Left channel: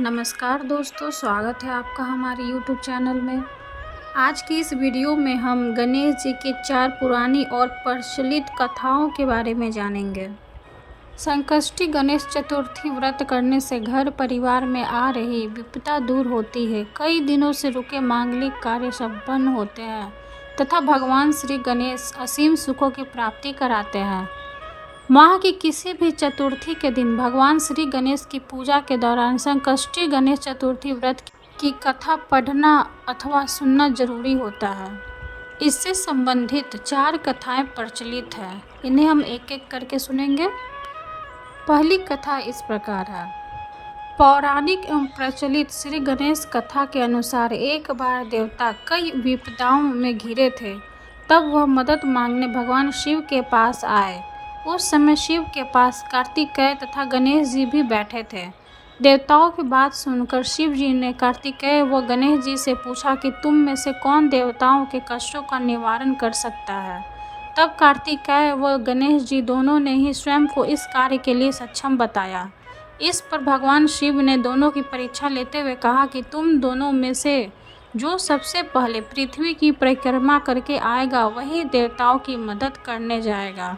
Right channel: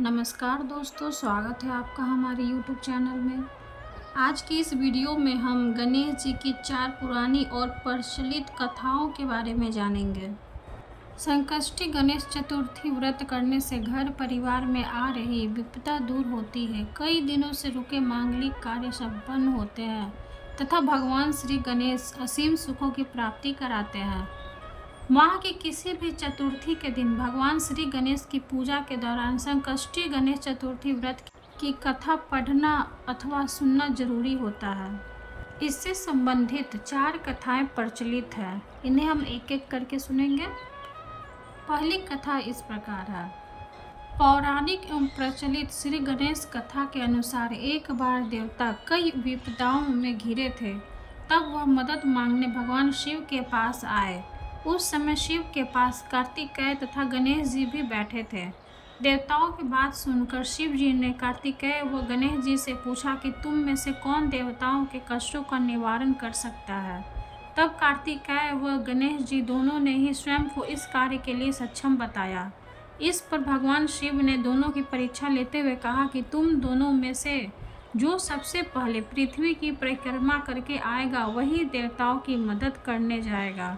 नमस्कार दोस्तों, स्वागत है आपका हमारे YouTube चैनल में। आज की इस वीडियो में हम गणेश जी की 4 पुरानी और प्रचलित कथाओं के बारे में जानेंगे। संकष्टी गणेश चतुर्थी व्रत करने से घर परिवार में आ रही विपदा दूर होती है। कई दिनों से रुके मांगलिक कार्य संपन्न होते हैं तथा भगवान श्री गणेश असीम सुखों की प्राप्ति कराते हैं। माह की किसी भी चतुर्थी के दिन भगवान श्री गणेश की पूजा के दौरान संकष्टी गणेश चतुर्थी व्रत की कथा पढ़ना अथवा सुनना जरूरी होता है। इससे संबंधित 4 कथाएं प्रचलित हैं। इन्हें हम एक एक करके सुनेंगे। पहली कथा इस प्रकार है। पौराणिक एवं प्रचलित श्री गणेश कथा के अनुसार एक बार देवता कई विपदाओं में घिरे थे। तब वह मदद मांगने भगवान शिव के पास आए। उस समय शिव के पास कार्तिकेय तथा गणेश जी भी बैठे थे। देवताओं की बात सुनकर शिव जी ने कार्तिकेय व गणेश जी से पूछा कि तुम में से कौन देवताओं के कष्टों का निवारण कर सकता है। तब कार्तिकेय व गणेश जी दोनों ने ही स्वयं को इस कार्य के लिए सक्षम बताया। इस पर भगवान शिव ने दोनों की परीक्षा लेते हुए कहा कि तुम दोनों में से जो सबसे पहले पृथ्वी की परिक्रमा करके आएगा वही देवताओं की मदद करने जाएगा।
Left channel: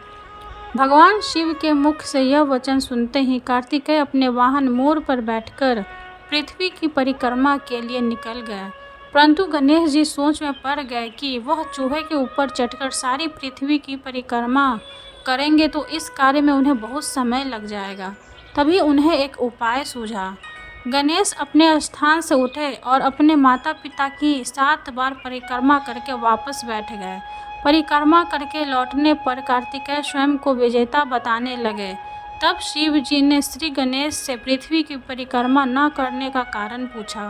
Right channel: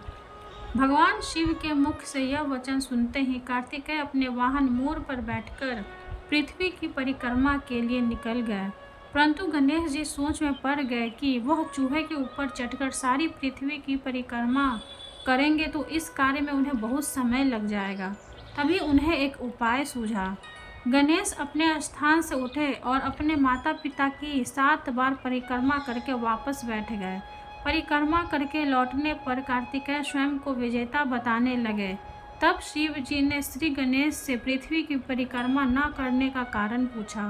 भगवान शिव के मुख से यह वचन सुनते ही कार्तिकेय अपने वाहन मोर पर बैठकर पृथ्वी की परिक्रमा के लिए निकल गए। परंतु गणेश जी सोच में पड़ गए कि वह चूहे के ऊपर चढ़कर सारी पृथ्वी की परिक्रमा करेंगे तो इस कार्य में उन्हें बहुत समय लग जाएगा। तभी उन्हें एक उपाय सूझा। गणेश अपने स्थान से उठे और अपने माता पिता की 7 बार परिक्रमा करके वापस बैठ गए। परिक्रमा करके लौटने पर कार्तिकेय स्वयं को विजेता बताने लगे। तब शिव जी ने श्री गणेश से पृथ्वी की परिक्रमा न करने का कारण पूछा।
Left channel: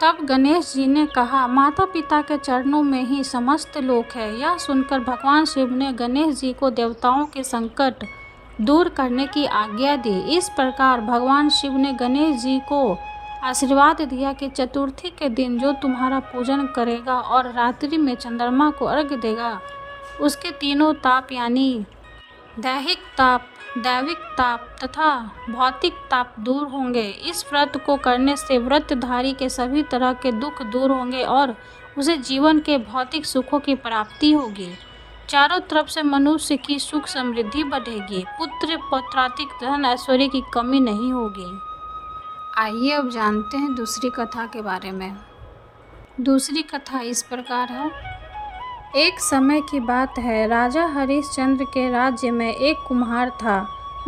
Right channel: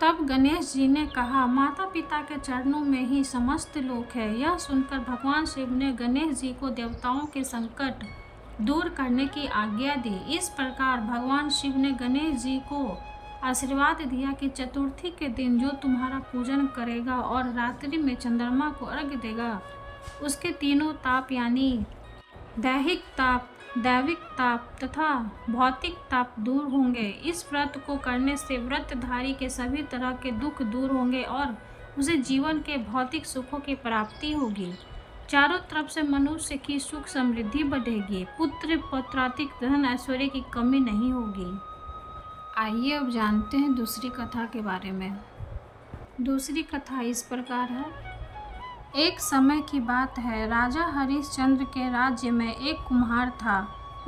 तब गणेश जी ने कहा, माता पिता के चरणों में ही समस्त लोक है। यह सुनकर भगवान शिव ने गणेश जी को देवताओं के संकट दूर करने की आज्ञा दी। इस प्रकार भगवान शिव ने गणेश जी को आशीर्वाद दिया कि चतुर्थी के दिन जो तुम्हारा पूजन करेगा और रात्रि में चंद्रमा को अर्घ्य देगा, उसके तीनों ताप यानी दैहिक ताप, दैविक ताप तथा भौतिक ताप दूर होंगे। इस व्रत को करने से व्रतधारी के सभी तरह के दुख दूर होंगे और उसे जीवन के भौतिक सुखों की प्राप्ति होगी। चारों तरफ से मनुष्य की सुख समृद्धि बढ़ेगी। पुत्र पौत्रातिक धन ऐश्वर्य की कमी नहीं होगी। आइए अब जानते हैं दूसरी कथा के बारे में। दूसरी कथा इस प्रकार है। एक समय की बात है, राजा हरिश्चंद्र के राज्य में एक कुम्हार था।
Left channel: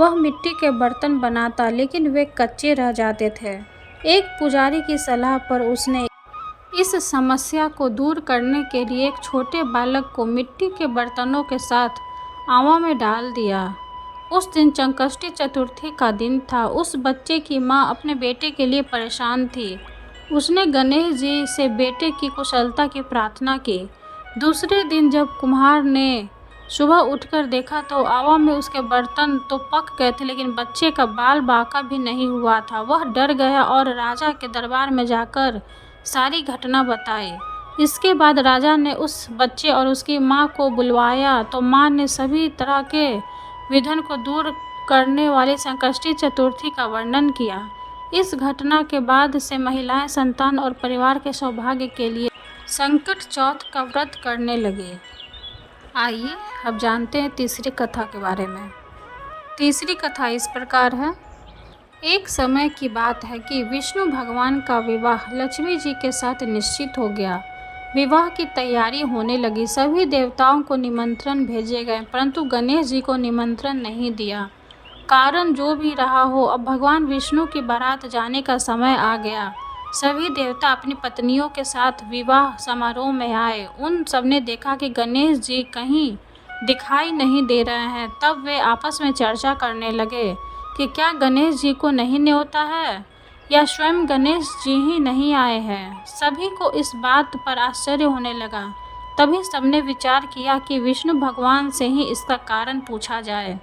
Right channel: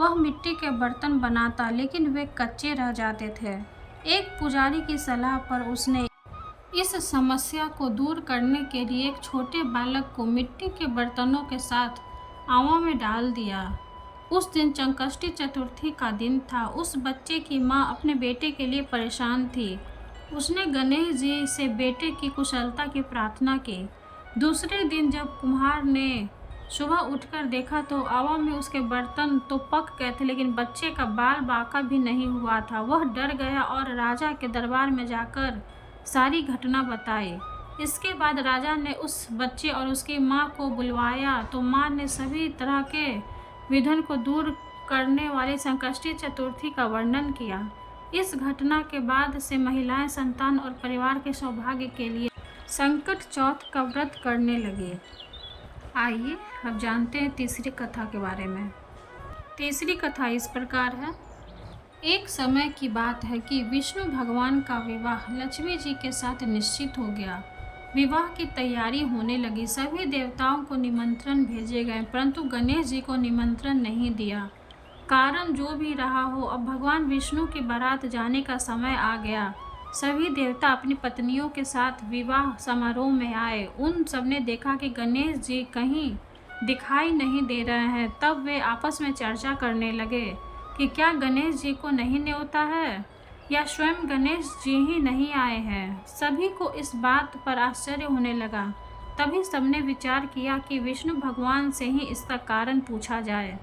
वह मिट्टी के बर्तन बनाता, लेकिन वे कच्चे रह जाते थे। एक पुजारी की सलाह पर उसने इस समस्या को दूर करने के लिए एक छोटे बालक को मिट्टी के बर्तनों के साथ आवा में डाल दिया। उस दिन संकष्टी चतुर्थी का दिन था। उस बच्चे की माँ अपने बेटे के लिए परेशान थी। उसने गणेश जी से बेटे की कुशलता की प्रार्थना की। दूसरे दिन जब कुम्हार ने सुबह उठकर देखा तो आवा में उसके बर्तन तो पक गए थे, लेकिन बच्चे का बाल बांका भी नहीं हुआ था। वह डर गया और राजा के दरबार में जाकर सारी घटना बताई। इसके बाद राजा ने उस बच्चे और उसकी माँ को बुलवाया तो माँ ने सभी तरह के विघ्न को दूर करने वाली संकष्टी चतुर्थी का वर्णन किया। इस घटना के बाद से महिलाएं संतान और परिवार के सौभाग्य के लिए संकट चौथ का व्रत करने लगे। आइए अब जानते हैं तीसरी कथा के बारे में। तीसरी कथा इस प्रकार है। एक समय की बात है कि विष्णु भगवान का विवाह लक्ष्मी जी के साथ निश्चित हो गया। विवाह की तैयारी होने लगी। सभी देवताओं को निमंत्रण भेजे गए, परंतु गणेश जी को निमंत्रण नहीं दिया। कारण जो भी रहा हो, अब भगवान विष्णु की बारात जाने का समय आ गया। सभी देवता अपनी पत्नियों के साथ विवाह समारोह में आए। उन सबने देखा कि गणेश जी कहीं दिखाई नहीं दे रहे हैं। तब वे आपस में चर्चा करने लगे कि क्या गणेश जी को नहीं न्योता है या स्वयं गणेश जी ही नहीं आए हैं। सभी को इस बात पर आश्चर्य होने लगा। तभी सबने विचार किया कि विष्णु भगवान से ही इसका कारण पूछा जाए।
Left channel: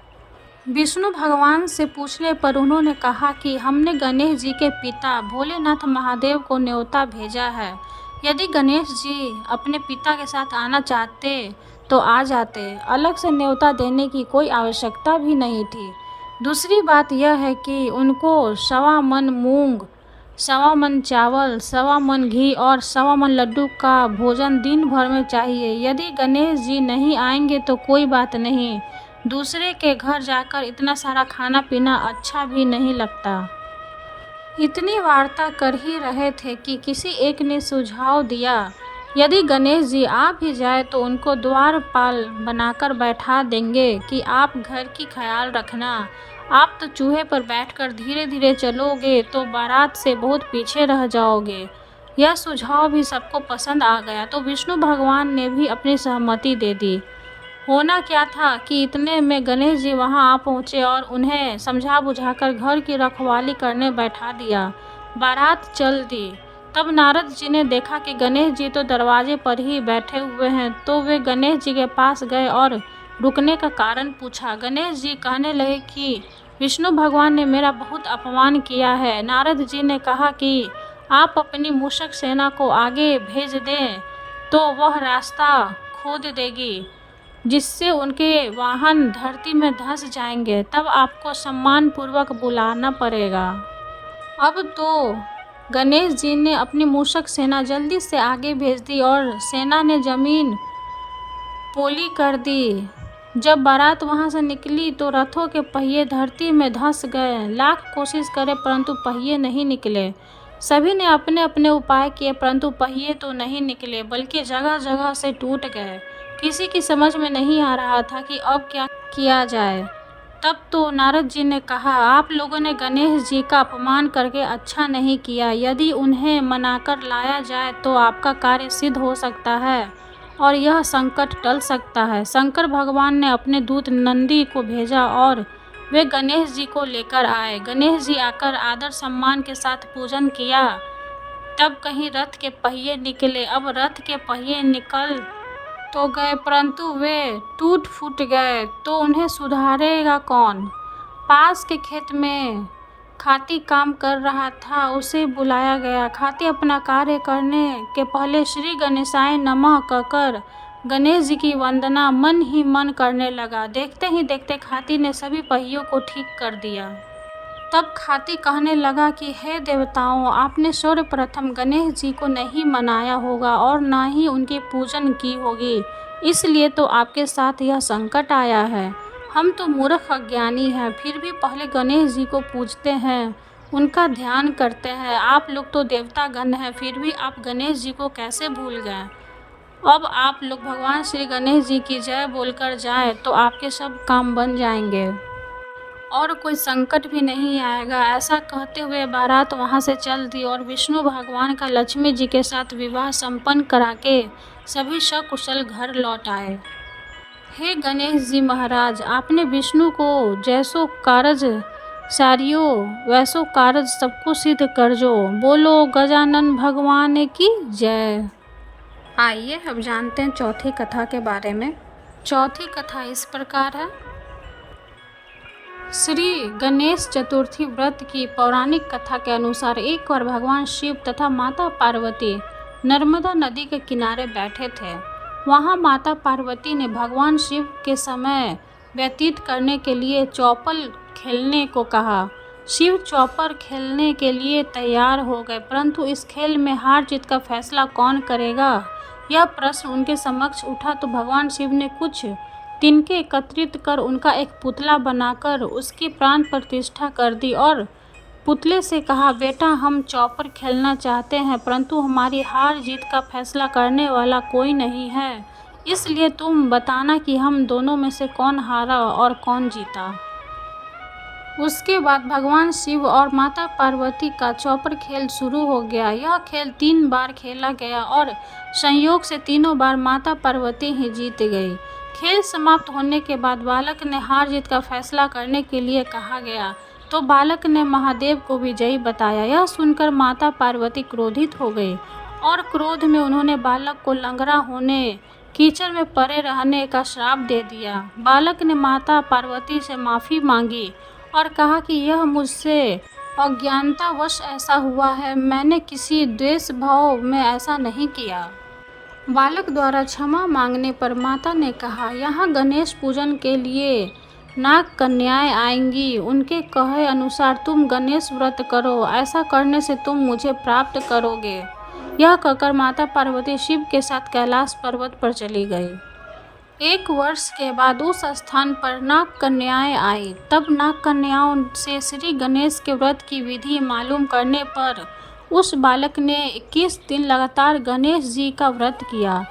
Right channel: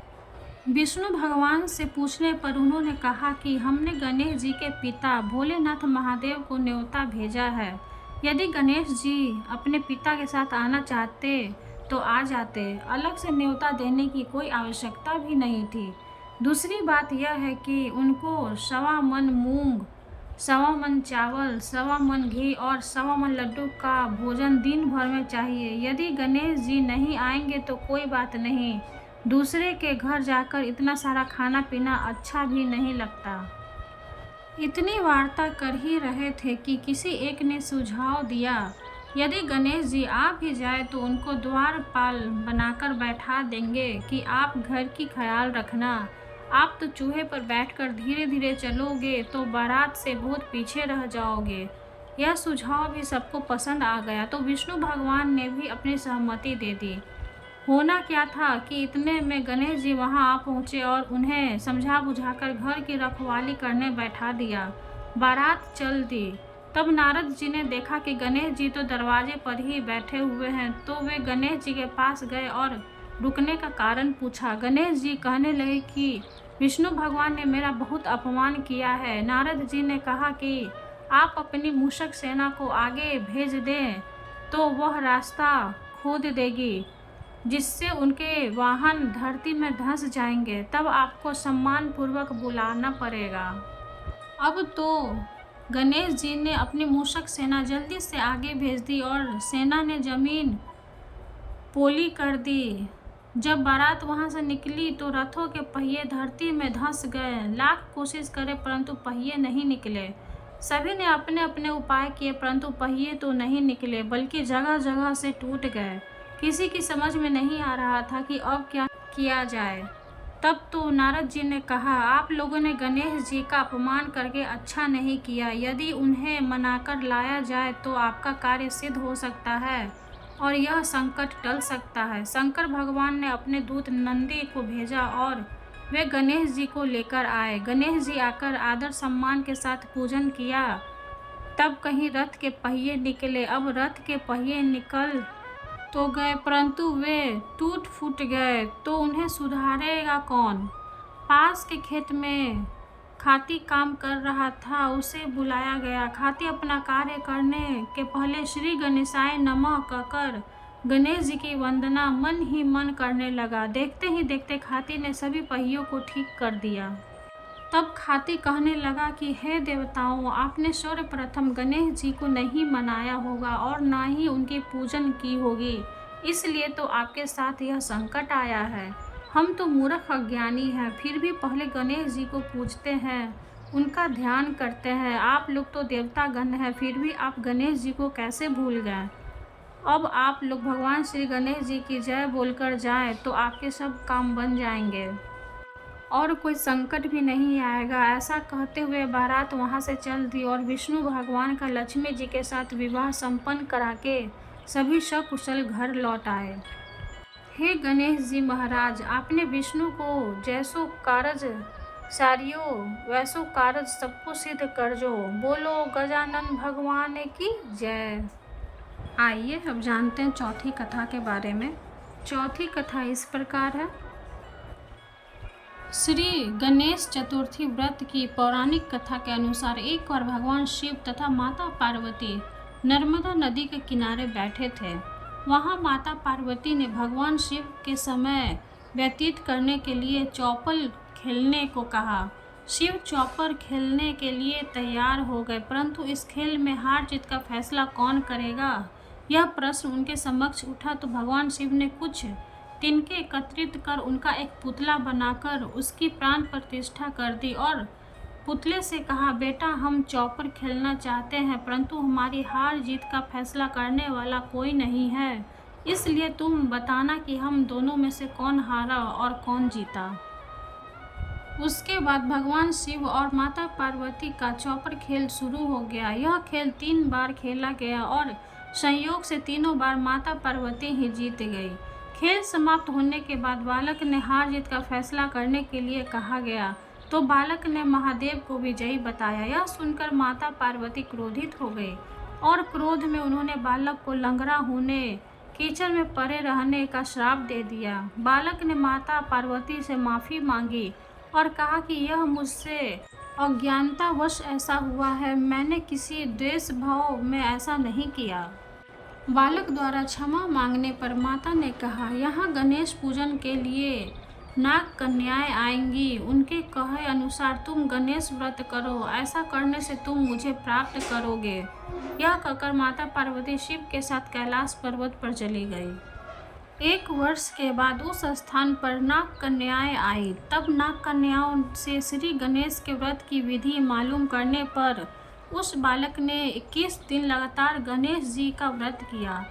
विष्णु भगवान से पूछने पर उन्होंने कहा कि हमने गणेश जी के पिता भोलेनाथ महादेव को न्योता भेजा है। यदि गणेश जी अपने पिता के साथ आना चाहते तो आ जाते। अलग से न्योता देने की कोई आवश्यकता भी नहीं थी। दूसरी बात यह है कि उनको 1.25 मन मूंग, 1.25 मन चावल, 1.25 मन घी और 1.25 मन लड्डू का भोजन दिन भर में चाहिए। यदि गणेश जी नहीं आएंगे तो कोई बात नहीं, दूसरे के घर जाकर इतना सारा खाना पीना अच्छा भी नहीं लगता। इतनी वार्ता कर ही रहे थे कि किसी एक ने सुझाव दिया, यदि गणेश जी आ भी जाए तो उनको द्वारपाल बनाकर बैठा देंगे कि आप घर की ख्याल रखना। आप तो चूहे पर बैठकर धीरे धीरे चलोगे तो बारात से बहुत पीछे रह जाओगे। यह सुझाव भी सबको पसंद आ गया तो विष्णु भगवान ने भी अपनी सहमति दे दी। होना क्या था कि इतने में गणेश जी वहां आ पहुंचे और उन्हें समझा बुझाकर घर की रखवाली करने बैठा दिया। बारात चल दी। तब नारद जी ने देखा कि गणेश जी तो दरवाजे पर ही बैठे हुए हैं, तो वे गणेश जी के पास गए और रुकने का कारण पूछा। गणेश जी कहने लगे कि विष्णु भगवान ने मेरा बहुत अपमान किया है। नारद जी ने कहा कि आप अपनी मूषक सेना को आगे भेज दें तो वह रास्ता खोद देगी, जिससे उनके वाहन धरती में धंस जाएंगे। तब आपको सम्मान पूर्वक बुलाना पड़ेगा। अब तो गणेश जी ने अपनी मूषक सेना जल्दी से आगे भेज दी और सेना ने जमीन पोली कर दी। जब बारात वहां से निकली तो रथों के पहिए धरती में धंस गए। लाख कोशिश करे परंतु पहिए नहीं निकले। सभी ने अपने अपने उपाय किए परंतु पहिए तो नहीं निकले, बल्कि जगह जगह से टूट गए। किसी की समझ में नहीं आ रहा था कि अब क्या किया जाए। तब तो नारद जी ने कहा, आप लोगों ने गणेश जी का अपमान करके अच्छा नहीं किया। यदि उन्हें मनाकर लाया जाए तो आपका कार्य सिद्ध हो सकता है और यह संकट टल सकता है। शंकर भगवान ने अपने दूत नंदी को भेजा और वे गणेश जी को लेकर आए। गणेश जी आकर आदर सम्मान के साथ पूजन किया। तब कहीं रथ के पहिए निकले। अब रथ के पहिए निकल तो गए परंतु वे टूट फूट गए, तो उन्हें सुधारेगा कौन। पास के खेत में खाती काम कर रहा था, उसे बुलाया गया। खाती अपना कार्य करने के पहले श्री गणेशाय नमः कहकर गणेश जी की वंदना मन ही मन करने लगा। देखते ही देखते खाती ने सभी पहियों को ठीक कर दिया। तब खाती कहने लगा कि हे देवताओं, आपने सर्वप्रथम गणेश जी को नहीं मनाया होगा और ना ही उनकी पूजन की होगी, इसलिए तो आपके साथ यह संकट आया है। हम तो मूर्ख अज्ञानी हैं, फिर भी पहले गणेश जी को पूजते हैं, उनका ध्यान करते हैं। आप लोग तो देवतागण हैं, फिर भी आप गणेश जी को कैसे भूल गए। अब आप लोग भगवान श्री गणेश जी की जय बोलकर जाएं तो आपके सब काम बन जाएंगे और कोई संकट भी नहीं आएगा। ऐसा कहते हुए बारात वहां से चल दी और विष्णु भगवान का लक्ष्मी जी के साथ विवाह संपन्न करा के सभी सकुशल घर लौट आए। हे गणेश जी महाराज, आपने विष्णु को जैसो कारज सारियो वैसो कारज सबको सिद्ध कर जो। बोलो गजानन भगवान की जय। आइए अब जानते हैं चौथी कथा के बारे में। चौथी कथा इस प्रकार है। श्री गणेश चतुर्थी व्रत की पौराणिक कथा के अनुसार एक बार भगवान शिव तथा माता पार्वती नर्मदा नदी के किनारे बैठे थे। वहां माता पार्वती ने भगवान शिव के समय व्यतीत करने के लिए चौपल खेलने को कहा। शिव चौपर खेलने के लिए तैयार हो गए, परंतु इस खेल में हार जीत का फैसला कौन करेगा, यह प्रश्न उनके समक्ष उठा। तो भगवान शिव ने कुछ तिनके एकत्रित कर उनका एक पुतला बनाकर उसकी प्राण प्रतिष्ठा कर दी और पुतले से कहा, बेटा हम चौपर खेलना चाहते हैं, परंतु हमारी हार जीत का फैसला करने वाला कोई नहीं है, इसलिए तुम बताना कि हम दोनों में से कौन हारा और कौन जीता। उसके बाद भगवान शिव और माता पार्वती का चौपर खेल शुरू हो गया। यह खेल 3 बार खेला गया और संयोग से तीनों बार माता पार्वती ही जीत गई। खेल समाप्त होने के बाद बालक ने हार जीत का फैसला करने के लिए कहा गया, तो बालक ने महादेव को विजयी बताया। यह सुनकर माता पार्वती क्रोधित हो गई और क्रोध में उन्होंने बालक को लंगड़ा होने, कीचड़ में पड़े रहने का श्राप दे दिया। बालक ने माता पार्वती से माफ़ी मांगी और कहा कि यह मुझसे अज्ञानतावश ऐसा हुआ है, मैंने किसी द्वेष भाव में ऐसा नहीं किया। बालक द्वारा क्षमा मांगने पर माता ने कहा, यहाँ गणेश पूजन के लिए नाग कन्याएं आएंगी, उनके कहे अनुसार तुम गणेश व्रत करो, ऐसा करने से तुम मुझे प्राप्त करोगे। यह कहकर माता पार्वती शिव के साथ कैलाश पर्वत पर चली गई। 1 वर्ष के बाद उस स्थान पर नाग कन्याएं आई। तब नाग कन्याओं से श्री गणेश के व्रत की विधि मालूम करने पर उस बालक ने 21 दिन लगातार गणेश जी का व्रत किया।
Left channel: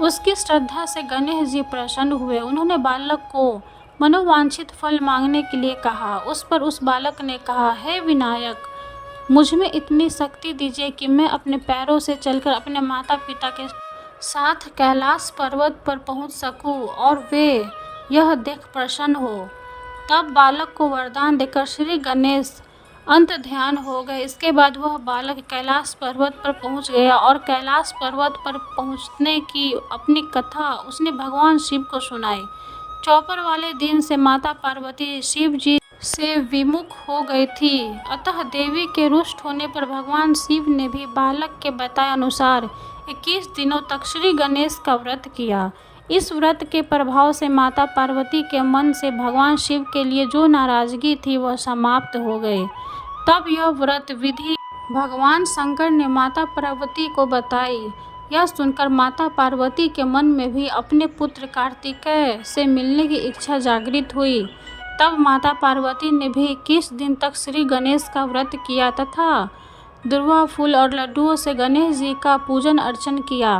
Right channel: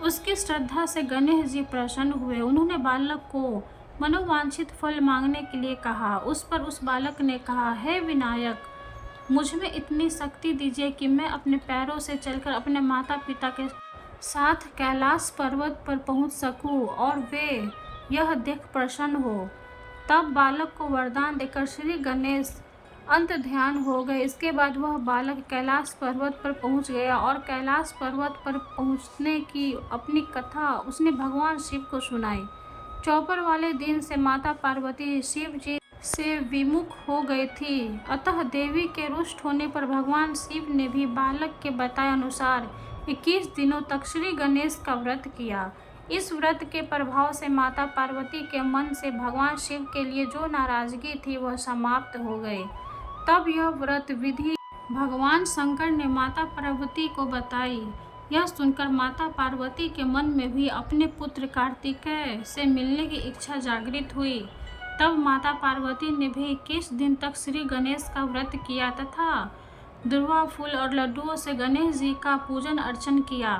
उसकी श्रद्धा से गणेश जी प्रसन्न हुए। उन्होंने बालक को मनोवांछित फल मांगने के लिए कहा। उस पर उस बालक ने कहा, हे विनायक, मुझ में इतनी शक्ति दीजिए कि मैं अपने पैरों से चलकर अपने माता पिता के साथ कैलाश पर्वत पर पहुंच सकूं और वे यह देख प्रसन्न हो। तब बालक को वरदान देकर श्री गणेश अंत ध्यान हो गए। इसके बाद वह बालक कैलाश पर्वत पर पहुंच गया और कैलाश पर्वत पर पहुंचने की अपनी कथा उसने भगवान शिव को सुनाई। चौपर वाले दिन से माता पार्वती शिव जी से विमुख हो गई थी। अतः देवी के रुष्ट होने पर भगवान शिव ने भी बालक के बताए अनुसार 21 दिनों तक श्री गणेश का व्रत किया। इस व्रत के प्रभाव से माता पार्वती के मन से भगवान शिव के लिए जो नाराजगी थी वह समाप्त हो गई। तब यह व्रत विधि भगवान शंकर ने माता पार्वती को बताई। यह सुनकर माता पार्वती के मन में भी अपने पुत्र कार्तिकेय से मिलने की इच्छा जागृत हुई। तब माता पार्वती ने भी 21 दिन तक श्री गणेश का व्रत किया तथा दुर्वा फूल और लड्डुओं से गणेश जी का पूजन अर्चन किया।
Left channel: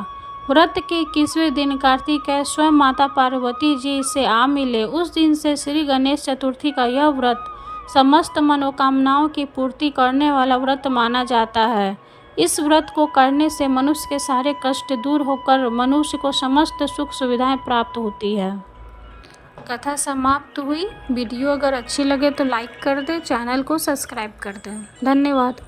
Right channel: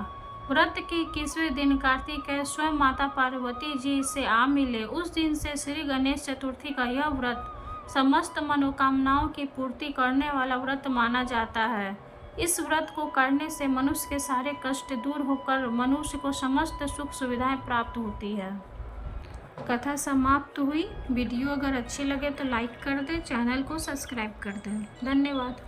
व्रत के 21वें दिन कार्तिकेय स्वयं माता पार्वती जी से आ मिले। उस दिन से श्री गणेश चतुर्थी का यह व्रत समस्त मनोकामनाओं की पूर्ति करने वाला व्रत माना जाता है। इस व्रत को करने से मनुष्य के सारे कष्ट दूर होकर मनुष्य को समस्त सुख सुविधाएं प्राप्त होती है। कथा समाप्त हुई। वीडियो अगर अच्छी लगे तो लाइक कर दें, चैनल को सब्सक्राइब कर दें। धन्यवाद।